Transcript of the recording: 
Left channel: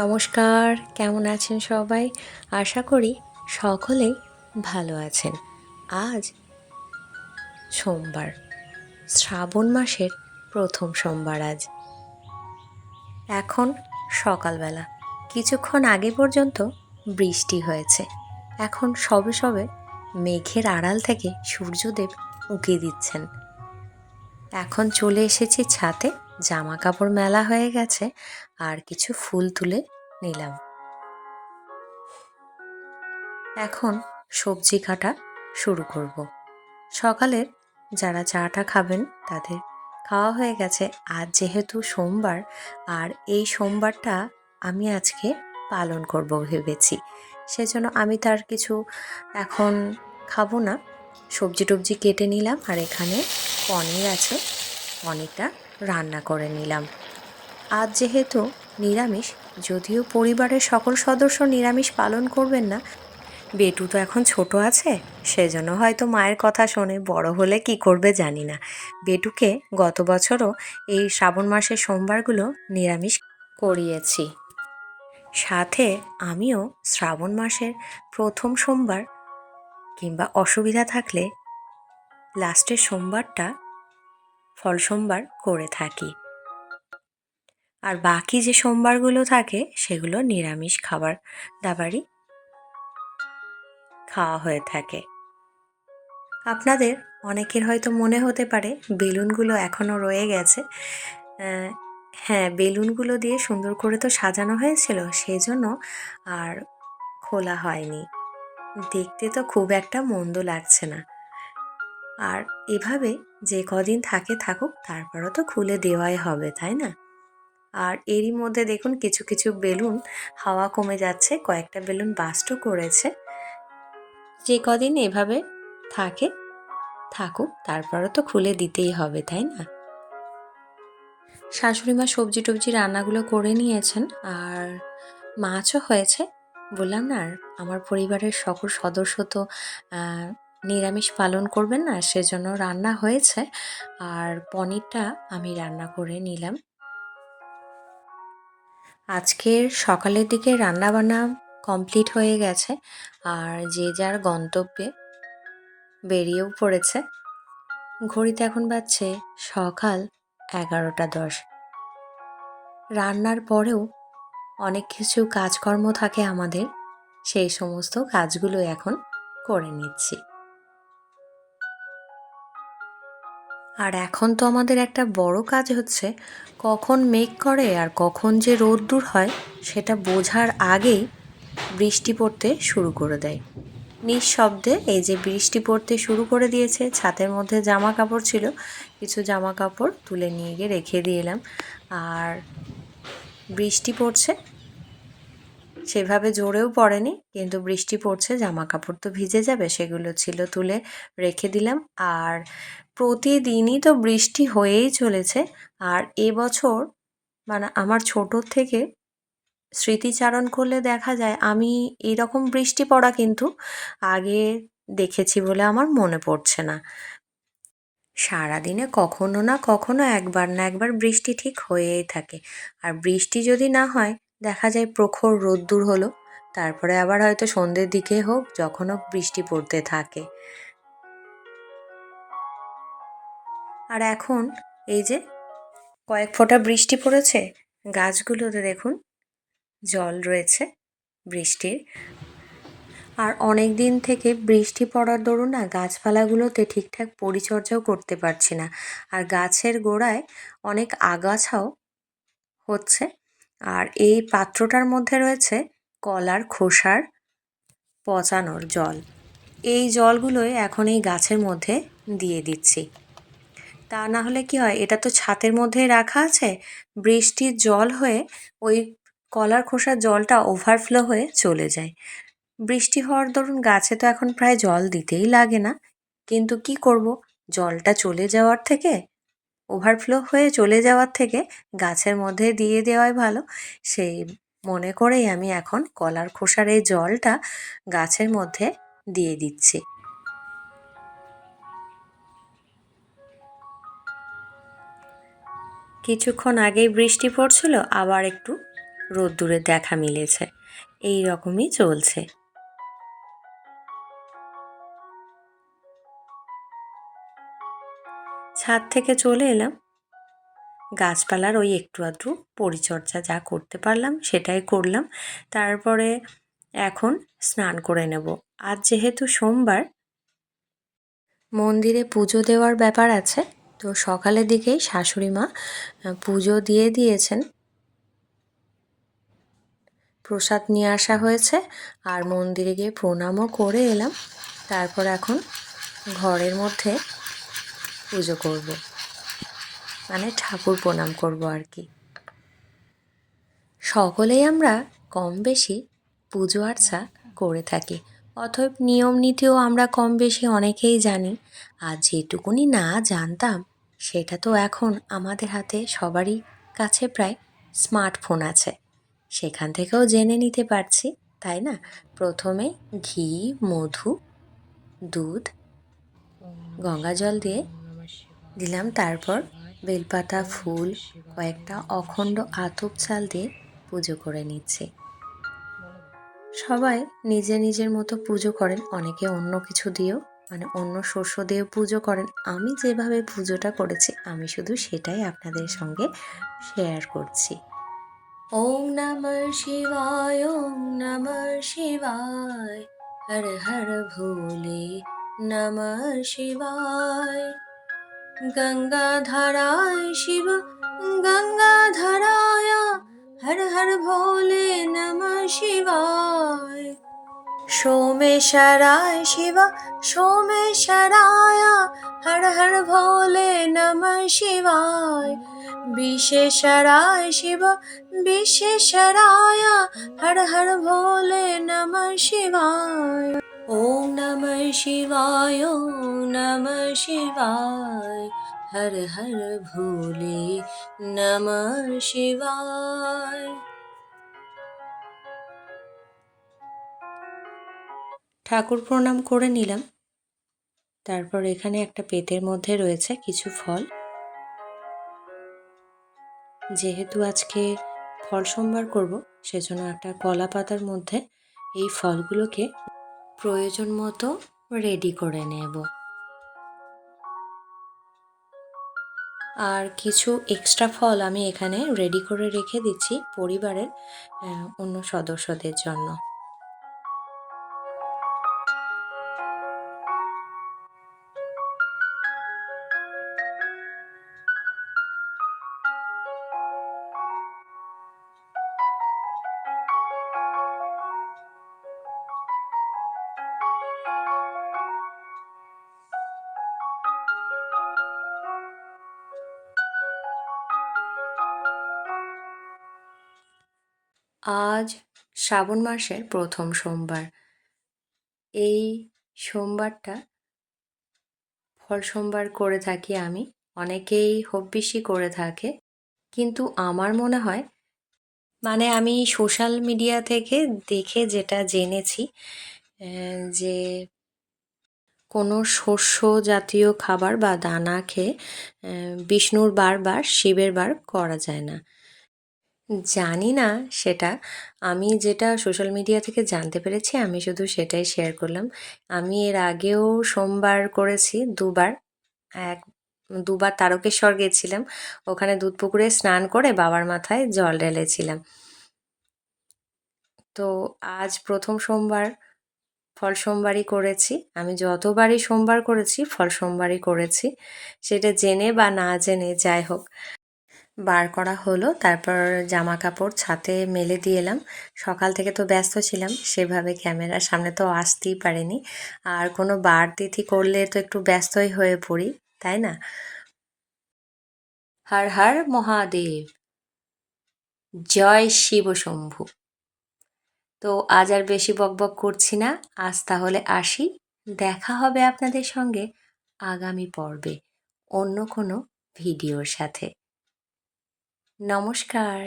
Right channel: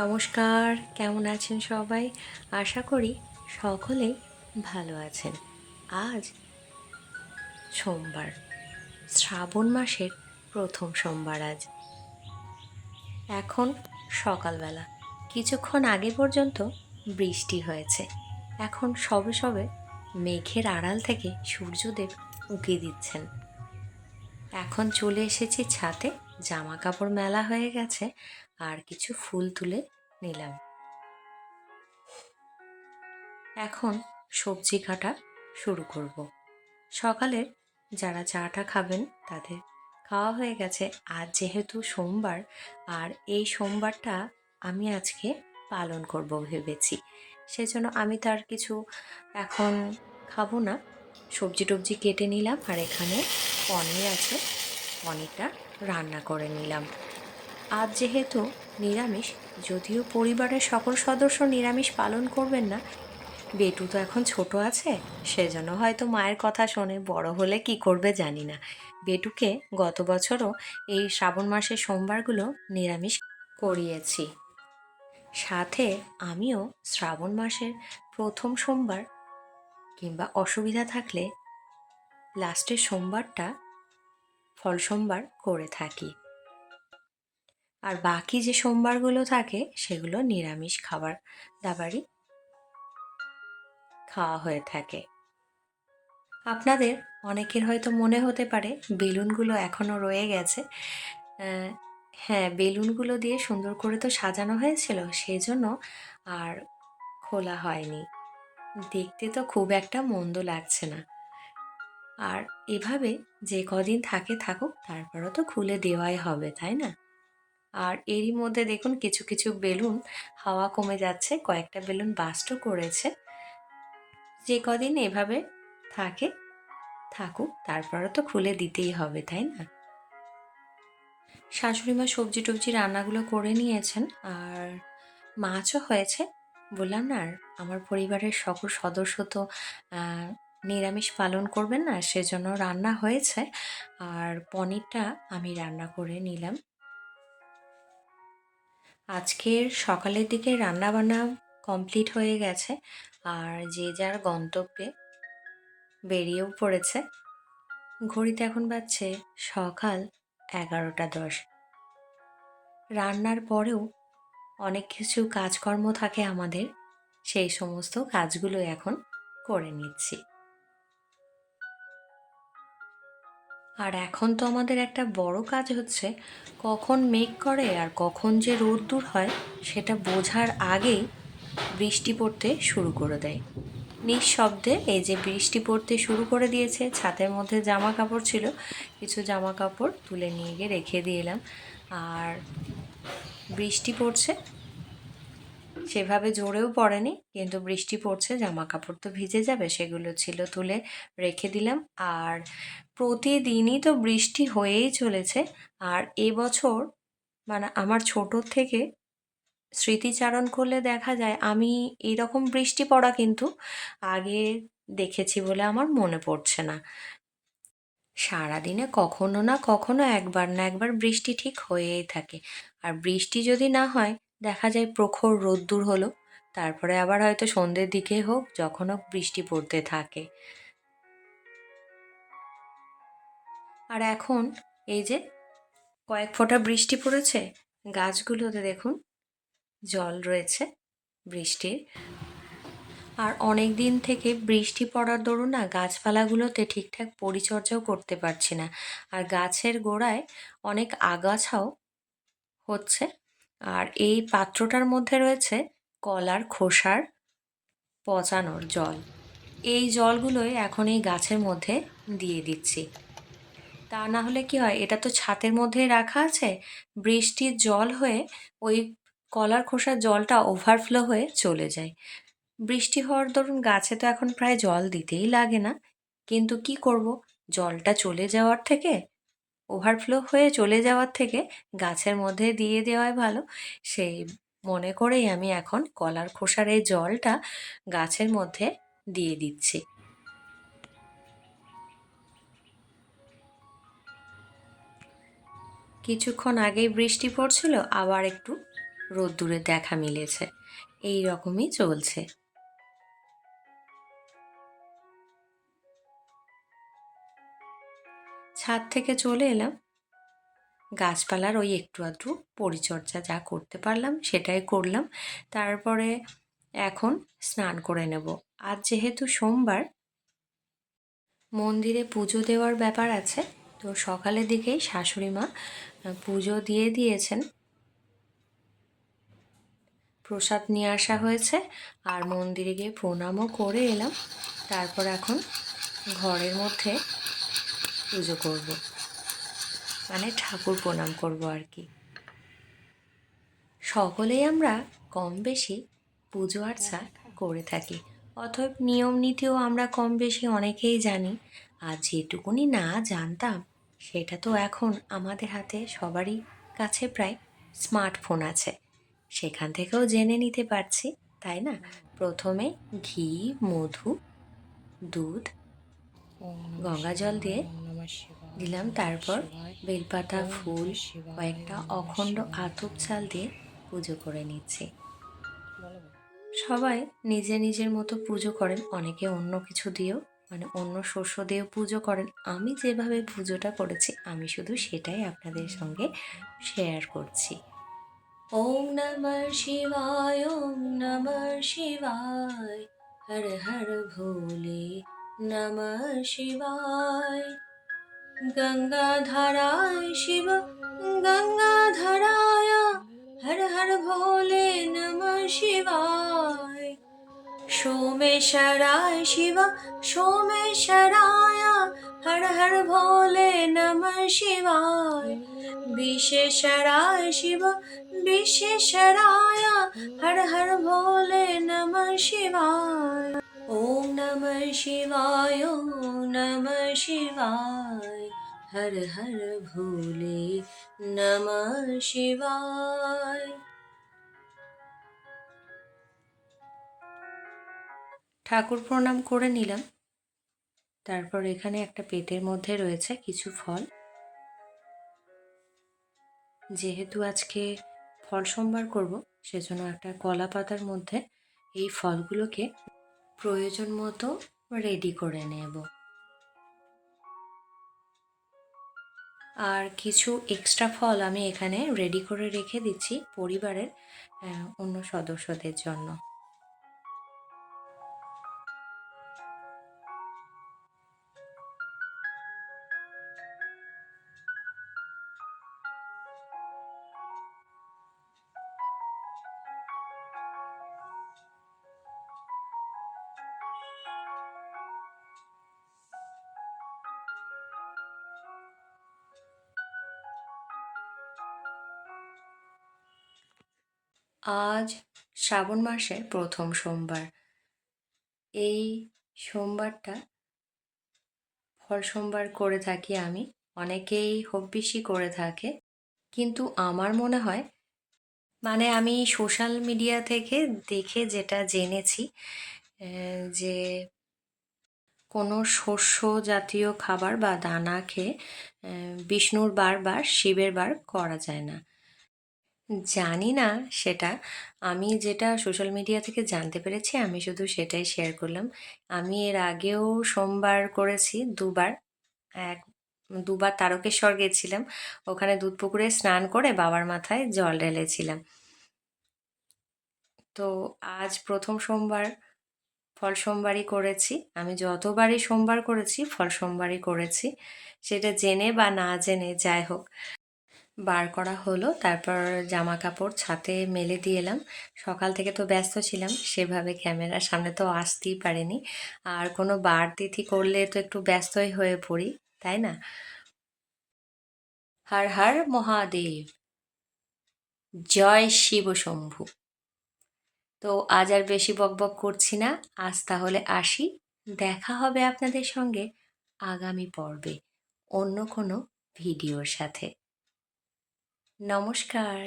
নমস্কার, কেমন আছেন সবাই? আশা করি সকলেই ভালো আছেন। আজ সোমবার, শ্রাবণ মাসের প্রথম সোমবার আজ। এখন সকালবেলা, কিছুক্ষণ আগে পর্যন্ত বৃষ্টি হয়েছে। এখন সবে সবে মেঘের আড়াল থেকে সূর্যদেব উঁকি দিচ্ছেন। এখন চলে এসেছি ছাতে জামা কাপড় মেলা হয়ে গেছে, আর কিছু ফুল তুলে নিলাম। এখন সবজি কাটা শুরু করব। সকালের যারা চাটা খাবেন, তাদের খাওয়া হয়ে গেছে। আজ যেহেতু সোমবার, আর এই সোমবারটা আমি আজকে পালন করব ভেবেছি। সেজন্য আমি তার কিছু এখন খাব না। সবজি টবজি কেটে নিলাম, আর এখানে পনির আছে। পনিরটা রান্না করে নিলাম। আজ যেহেতু নিরামিষ, যদিও পরিবারের সকল সদস্য নিরামিষ পালন করবেন না, বেটু তো এখন ছোট আছে, সেজন্য হয়তো মায়ের কথা শোনে বড় হলে কি করবে জানি না। বেটুকে গত বছরও এই শ্রাবণ মাসের সোমবারগুলো নিরামিষ করিয়েছি। সাথে আমিও শ্রাবণ মাসের প্রথম সোমবার কিংবা অসুবিধা থাকলে লাস্টের সোমবারটা ফল সোমবার করে থাকি। আর বাকি যে সোমবারগুলো থাকে, সেগুলো নিরামিষ খাবার দাবারই খাওয়া হয়ে থাকে। আপনাদের অনেকের হয়তো মনে হতে পারে, বেলুনগুলো এখনও রয়ে গেছে। হ্যাঁ বেলুনগুলো দিয়ে সুন্দর করে তো সাজানো হয়েছিল, সেজন্য আর খোলা হয়নি। দেখতে তো খুব একটা মন্দ লাগছে না। আর এভাবে যে কদিন থাকে থাকুক, তারপরও তো খুলে দেওয়াই হবে, তাই না? আর এরই মধ্যে দেখুন কিছু কিছু বেলুন হাওয়া কমে যাচ্ছে, কয়েকটা বেলুন বাস্টও করেছে। যে কদিন এভাবে থাকে, থাকুক, তারপরও তো খুলে দিতেই হবে, তাই না? শাশুড়ি মা সবজি টবজি রান্নাগুলো করে নিয়েছেন, আর মাছও হয়েছে। বললাম না, আর আমার পরিবারের সকল সদস্য তো নিরামিষ পালন করবেন না, সেজন্য রান্না হয়েছে। আর পনিরটা আমি রান্না করে নিলাম। আজকের সকালের দিকে রান্নাবান্না কমপ্লিট হয়ে গেছে। আর যে যার গন্তব্যে বেরিয়েও পড়েছে। ঘড়িতে এখন বাজছে সকাল এগারোটা দশ। রান্নার পরেও অনেক কিছু কাজকর্ম থাকে আমাদের। সেই সমস্ত কাজগুলো এখন করে নিচ্ছি। আর এখন তো আমাদের একটা বড় কাজ হচ্ছে কখন মেঘ করে আর কখন যে রোদ্দুর হয় সেটা বোঝার আগেই বৃষ্টি পড়তে শুরু করে দেয়। নিঃশব্দে এই যে বৃষ্টি পড়তে শুরু করে দিয়েছে, ছাতের মধ্যে জামা কাপড় ছিল, কিছু জামা কাপড় তুলে নিয়ে গিয়ে রেখে দিলাম আর বৃষ্টি পড়ছে সেভাবে জোরেও পড়েনি, কিন্তু বৃষ্টি পড়ছে জামা কাপড় তো ভিজে যাবে, সেগুলো ছিল তুলে রেখে দিলাম। আর প্রতিদিনই তো বৃষ্টি হয়েই চলেছে। আর এবছর মানে আমার ছোটোর থেকে স্মৃতিচারণ করলে দেখা যায়, আমি এইরকম বৃষ্টি পড়া কিন্তু আগে দেখেছি বলে আমার মনে পড়ছে না। সারাদিনে কখনো না কখনো একবার না একবার বৃষ্টি ঠিক হয়েই থাকে। আর বৃষ্টি যদি না হয় দেখা যায় প্রখর রোদ্দুর হলো। তারপরে আবার হয়তো সন্ধ্যের দিকে হোক যখন হোক বৃষ্টি পড়তে থাকে। আর এখন এই যে কয়েক ফোঁটা বৃষ্টি পড়েছে, গাছগুলোতে দেখুন জল রয়েছে বৃষ্টির। আর অনেক দিন থেকে বৃষ্টি পড়ার দরুন না গাছপালাগুলোতে ঠিকঠাক পরিচর্যাও করতে পারছি না। আর গাছের গোড়ায় অনেক আগাছাও হচ্ছে। আর এই পাত্রটার মধ্যে রয়েছে কলার খোসার পচানোর জল। এই জলগুলোই এখন এই গাছের মধ্যে দিয়ে দিচ্ছি। তা না হলে কি হয়, এটা তো ছাতের মধ্যে রাখা আছে। বৃষ্টির জল হয়ে ওই কলার খোসার জলটা ওভারফ্লো হয়ে চলে যায়। বৃষ্টি হওয়ার দরুন গাছে তো এখন প্রায় জল দিতেই লাগে না। কিন্তু কি করব? জলটা চলে যাওয়ার থেকে ওভারফ্লো হয়ে চলে যাওয়ার থেকে গাছের মধ্যে দিয়ে দেওয়াই ভালো। সেই মনে করেই আমি এখন কলার খোসার এই জলটা গাছের মধ্যে দিয়ে দিচ্ছি। কিছুক্ষণ আগেই বৃষ্টি পড়ছিল, আবার একটু রোদ্দুরের দেখা মিলেছে। এই রকমই চলছে। ছাদ থেকে চলে এলাম। গাছপালার ওই একটু আধটু পরিচর্যা যা করতে পারলাম সেটাই করলাম। তারপরে এখন স্নান করে নেব। আজ যেহেতু সোমবার, মন্দিরে পুজো দেওয়ার ব্যাপার আছে, তো সকালের দিকেই শাশুড়ি মা পুজো দিয়ে দিয়েছেন। প্রসাদ নিয়ে আসা হয়েছে আর মন্দিরে গিয়ে প্রণামও করে এলাম। তারপর এখন ঘরের মধ্যে পুজো করব। মানে ঠাকুর প্রণাম করব আর কি। সকলেই আমরা কম বেশি পুজো আর্চা করে থাকি। অতএব নিয়ম নীতিও আমরা কম বেশি অনেকেই জানি। আর যেটুকুনি না জানতাম, সেটা তো এখন আমাদের হাতে সবারই কাছে প্রায় স্মার্টফোন আছে। সেখান থেকেও জেনে নিতে পারছি, তাই না? প্রথমে ঘি, মধু, দুধ, গঙ্গা জল দিয়ে দিলাম। তারপর বেলপাতা, ফুল, কয়েকটা অখণ্ড আতপ চাল দিয়ে পুজো করে নিচ্ছে। সবাই নিজে নিজের মতো পুজো করেন, অনেকে অন্য কিছু দিয়েও মানে অন্য শস্য দিয়েও পুজো করেন। আমি যেভাবে পুজোটা করেছি, আমি শুধু সেটাই আপনাদের সঙ্গে শেয়ার করছি। ওম নমঃ শিবায়, ওম নমঃ শিবায়। হর হর ভোলে নমঃ শিবায়। গঙ্গাধারায় শিব, গঙ্গাধারায় হর হর ভোলে নম শিবায়। সোমেশ্বরায় শিব, সোমেশ্বরায় হর হর ভোলে নম শিবায়। বিশেষরায় শিব বিশেষরায় হর হর ভোলে নম শিবায়। ॐ नमः शिवाय ॐ नमः शिवाय हर हर भोले नमः शिवाय ঠাকুর প্রণাম করে নিলাম তারপর এখানে একটা পেটের মধ্যে রয়েছে কিছু ফল যেহেতু আজকে ফল সোমবার করব সেজন্য একটা কলা পাতার মধ্যে এই ফলগুলোকে প্রয়োজন মতো রেডি করে নেব। আর কিছু এক্সট্রা ফল আমি এখানে রেডি করে রেখে দিচ্ছি পরিবারের অন্য সদস্যদের জন্য। আজ শ্রাবণ মাসের প্রথম সোমবার। এই সোমবারটা ফল সোমবার করে থাকি আমি। অনেকেই হব্বিসি করে থাকে। কিন্তু আমার মনে হয় মানে আমি সোশ্যাল মিডিয়া থেকে দেখে যেটা জেনেছি যে কোনো শস্য জাতীয় খাবার বা দানা খেয়ে বিষ্ণুর বার বা শিবের বার করা যায় না। জানি না সেটা। আমি যেটা সোশ্যাল মিডিয়া থেকে জানতে পেরেছি, আমি শুধু সেটাই শেয়ার করলাম। আমি এর আগেও সোমবার করেছি, দুবার। এক, দুবার তারকেশ্বর গেছিলাম। ওখানে দুধ পুকুরে স্নান করে বাবার মাথায় জল ঢেলেছিলাম। তো আজ প্রথম সোমবার, ফল সোমবারই করেছি। আমি যতবারই সোমবার করেছি, ফল সোমবারই করেছি। সেটা জেনে বা না জেনে যাই হোক। বার করা হলো, তারপর জামা কাপড় ছাতে মেলে দিয়ে এলাম। সকাল থেকে তো ব্যস্ত ছিলাম, সেভাবে ক্যামেরার সামনে তো আসতেই পারেনি। আর কোনো বার তিথি করলে তো একটু ব্যস্তই হয়ে পড়ি, তাই না? হর হর মহাদেব, জয় শিব শম্ভু। তো আজ আর বেশি বকবক করছি না, আজ তাহলে আসি। দেখা হবে আপনাদের সঙ্গে আগামী পর্বে অন্য কোনো ভিডিওর সাথে। নমস্কার।